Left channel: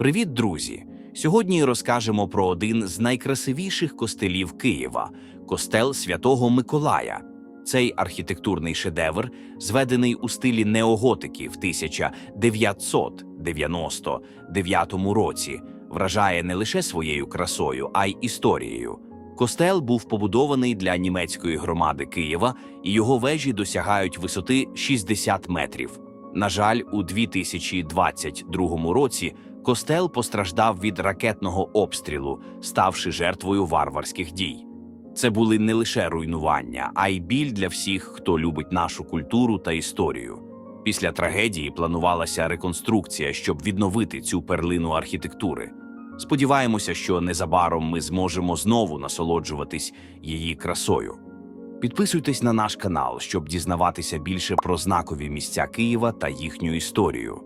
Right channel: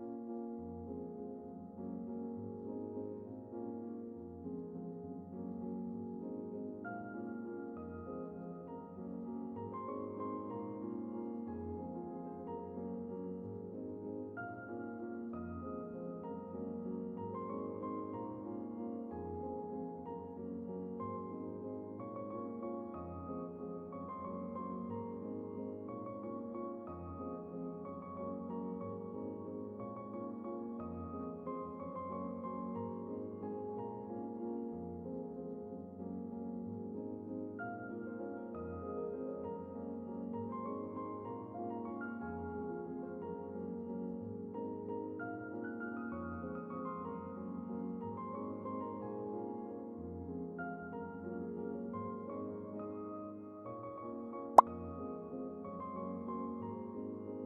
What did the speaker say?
Привіт, друзі! Сьогодні розкажемо про один з найкрасивіших костелів Києва костел Святого Миколая. Цей архітектурний шедевр, зведений у стилі неоготики в 1999 році, вражає не лише своєю красою, а й історією. Костел був побудований для німецької громади Києва, і його вежі досягають висоти 60 метрів. На жаль, у 2022 році костел постраждав від ракетного обстрілу, ставши жертвою варварських дій. Це були не лише руйнування, а й біль для всіх, хто любить нашу культуру та історію. Після трагедії планувалася реконструкція, щоб відновити цю перлину архітектури. Сподіваємося, що незабаром ми зможемо знову насолоджуватись її красою. Підписуйтесь на наш канал, щоб дізнаватися більше про знакові місця Києва та їхню історію.